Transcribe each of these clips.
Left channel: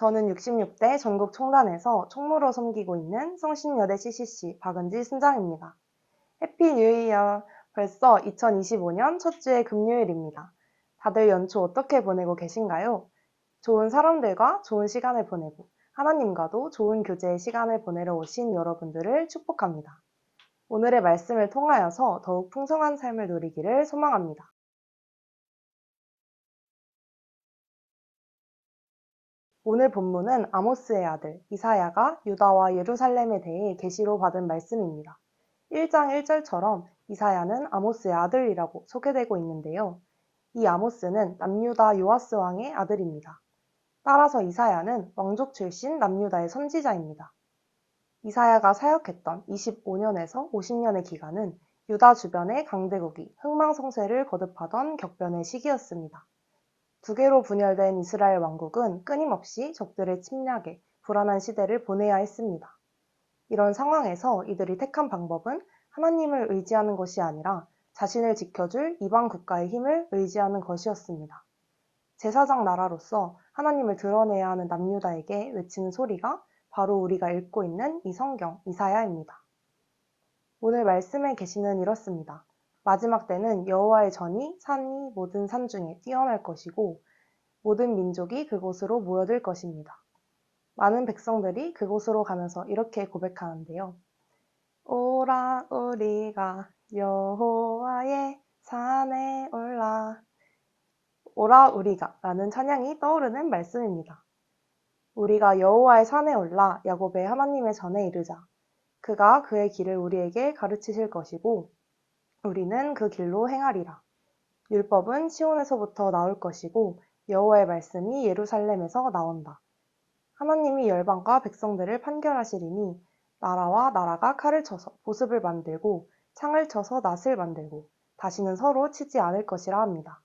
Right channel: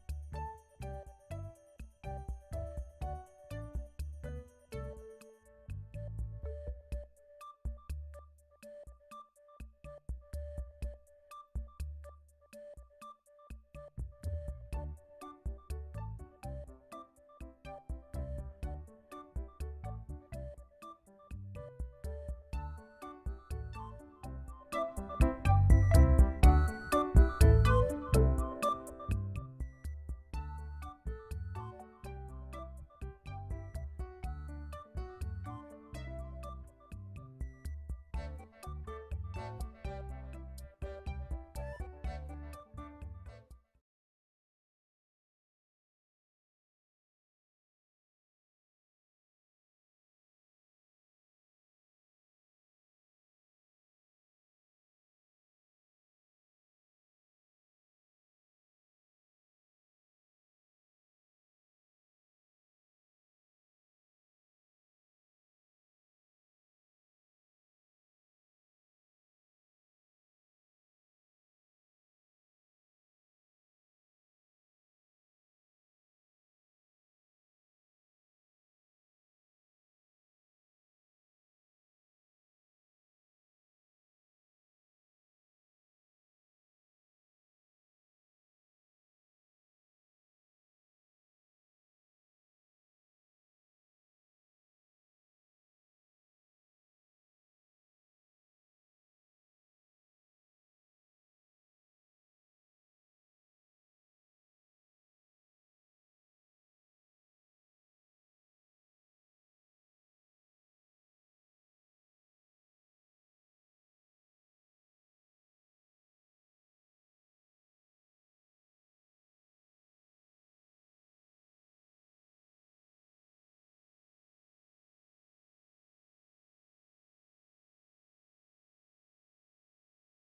저는 66대 전국 총단에서 총무로 섬기고 있는 성신여대 CCC 박은지 순장입니다. 해피 뉴 이어! 벌써 2025년 첫 주의 금요일입니다. 다들 연초 어떻게 보내고 계신가요? 좋은 사람들과 좋은 시간을 보내고 하나님과도 좋은 교제의 시간을 보내러 오신 여러분들을 축복합니다. 오늘의 말씀을 통하여서 더욱 풍성한 삶을 누리기를 소망합니다. 오늘 본문은 아모스의 아들 이사야가 유다와 예루살렘에 대해 계시로 받은 말씀입니다. 1장 1절처럼 이사야는 아모스의 아들이라고 소개되고 있는데요. 이 아모스는 남유다 요아스 왕의 아들입니다. 따라서 이사야는 왕족 출신 남유다의 선지자입니다. 이사야가 사역했던 25년에서 50년의 기간은 유다 주변의 강대국이 흥망성쇠를 거듭하던 격변의 시기였습니다. 두 개로 분열된 이스라엘 왕국은 끊임없이 적들의 침략에 불안한 시대를 보내야 했습니다. 이런 상황에서 이들이 택한 방법은 하나님을 의지하는 것이 아니라 자신을 지켜줄 이방 국가의 힘을 의지하는 것이었습니다. 제사장 나라로서 하나님을 드러내야 하는 남유다에게 외치는 소리가 바로 우리가 읽고 있는 이 성경 이사야입니다. 오늘 말씀의 계시는 이렇습니다. 마지막 때는 여호와의 전이 산이 모든 산 중에 뛰어날 것이고 모든 민족이 그곳으로 모여들 것입니다. 많은 백성들이 그곳으로 가면서 이렇게 고백하는데요. 오라 우리가 여호와의 산에 올라. 오라 우리가 라는 찬양이 떠오르는 말씀입니다. 우리가 여호와의 산에 올라 야곱의 하나님의 전에 이르자. 그가 그의 길을 우리에게 가르치실 것이고 우리는 그 길로 행하리라. 율법은 시온에서부터 나올 것이고 여호와의 말씀이 예루살렘에서 나온다. 하나님이 열방과 백성들을 판결하시리니 나라와 나라가 칼을 쳐서 보습을 만들고 창을 쳐서 낫을 만들고 다시는 서로 치지 않을 것이라 합니다.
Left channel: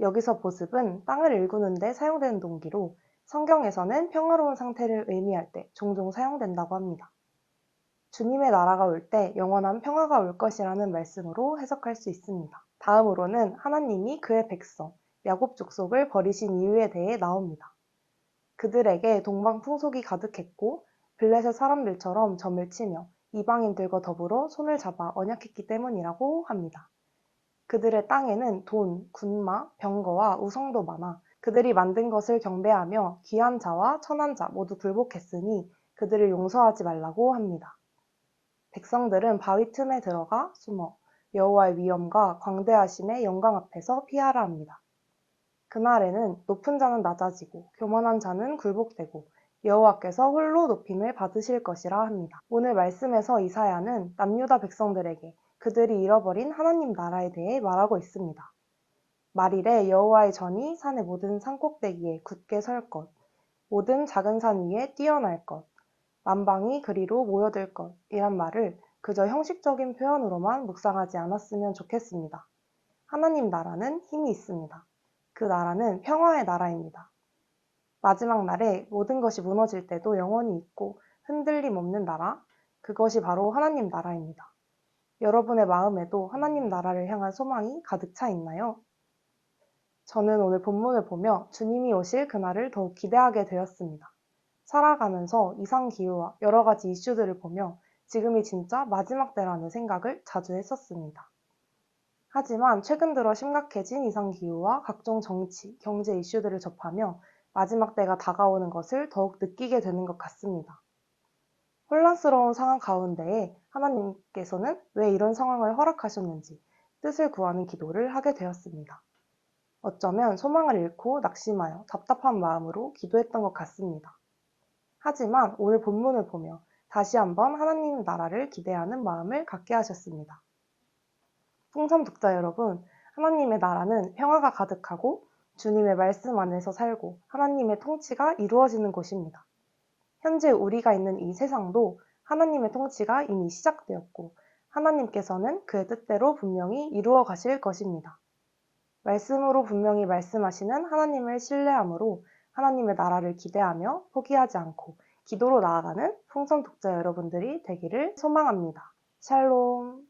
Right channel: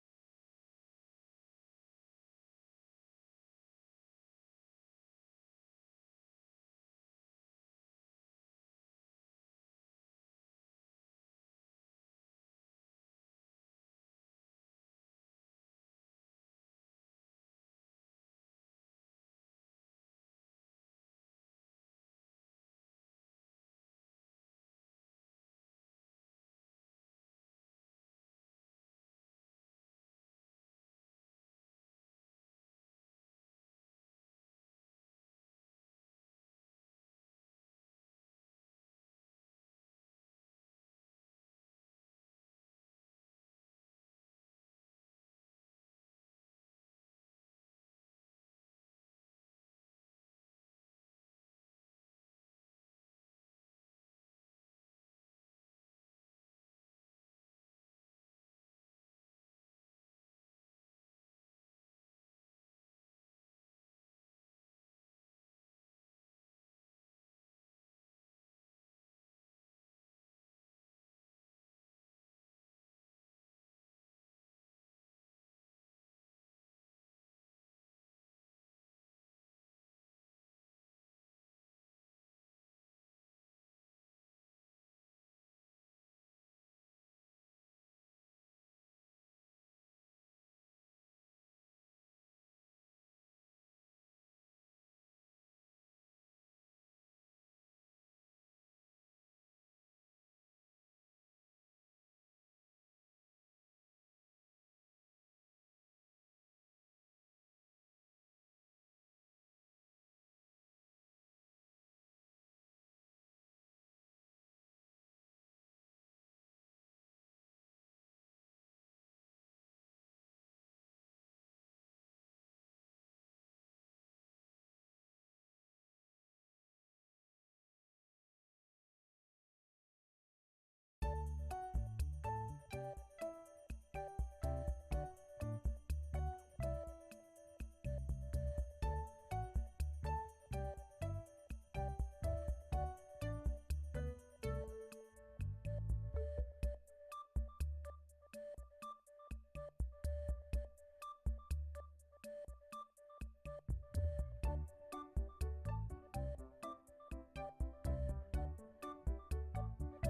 여기서 보습은 땅을 일구는 데 사용되는 동기로 성경에서는 평화로운 상태를 의미할 때 종종 사용된다고 합니다. 주님의 나라가 올 때 영원한 평화가 올 것이라는 말씀으로 해석할 수 있습니다. 다음으로는 하나님이 그의 백성, 야곱 족속을 버리신 이유에 대해 나옵니다. 그들에게 동방 풍속이 가득했고 블레셋 사람들처럼 점을 치며 이방인들과 더불어 손을 잡아 언약했기 때문이라고 합니다. 그들의 땅에는 돈, 군마, 병거와 우성도 많아 그들이 만든 것을 경배하며 귀한 자와 천한 자 모두 굴복했으니 그들을 용서하지 말라고 합니다. 백성들은 바위 틈에 들어가 숨어 여호와의 위엄과 광대하심의 영광 앞에서 피하라 합니다. 그날에는 높은 자는 낮아지고 교만한 자는 굴복되고 여호와께서 홀로 높임을 받으실 것이라 합니다. 오늘 말씀에서 이사야는 남유다 백성들에게 그들이 잃어버린 하나님 나라에 대해 말하고 있습니다. 말일에 여호와의 전이 산의 모든 산꼭대기에 굳게 설 것, 모든 작은 산 위에 뛰어날 것, 만방이 그리로 모여들 것 이란 말을 그저 형식적인 표현으로만 묵상하지 않았으면 좋겠습니다. 하나님 나라는 힘이 있습니다. 그 나라는 평화의 나라입니다. 마지막 날에 모든 것이 무너질 때도 영원히 있고 흔들림 없는 나라, 그것이 바로 하나님 나라입니다. 여러분의 마음에도 하나님 나라를 향한 소망이 가득 차 있나요? 저는 오늘 본문을 보며 주님이 오실 그날을 더욱 기대하게 되었습니다. 살아가면서 이상기후와 여러 가지 이슈들을 보며 지금이 진짜 마지막 때라는 생각을 자주 했었습니다. 하지만 최근 들어 심각해진 이상기후와 각종 정치, 경제 이슈들을 접하며 마지막 때가 다가오는 것을 더욱 느끼게 되는 것 같습니다. 혼란스러운 상황 가운데에 하나님께서는 왜 이런 상황을 허락하셨는지 뜻을 구하는 기도를 하게 되었습니다. 어쩌면 소망을 잃고 낙심하여 답답한 마음으로 기도했던 것 같습니다. 하지만 오늘 본문을 보며 다시 한번 하나님 나라를 기대하는 마음을 갖게 하셨습니다. 풍선 독자 여러분, 하나님의 나라는 평화가 가득하고 주님의 말씀 안에서 살고 하나님의 통치가 이루어지는 곳입니다. 현재 우리가 있는 이 세상도 하나님의 통치가 이미 시작되었고 하나님께서는 그의 뜻대로 분명히 이루어 가실 것입니다. 말씀으로 분명히 말씀하시는 하나님을 신뢰함으로 하나님의 나라를 기대하며 포기하지 않고 기도로 나아가는 풍선 독자 여러분들이 되기를 소망합니다. 샬롬.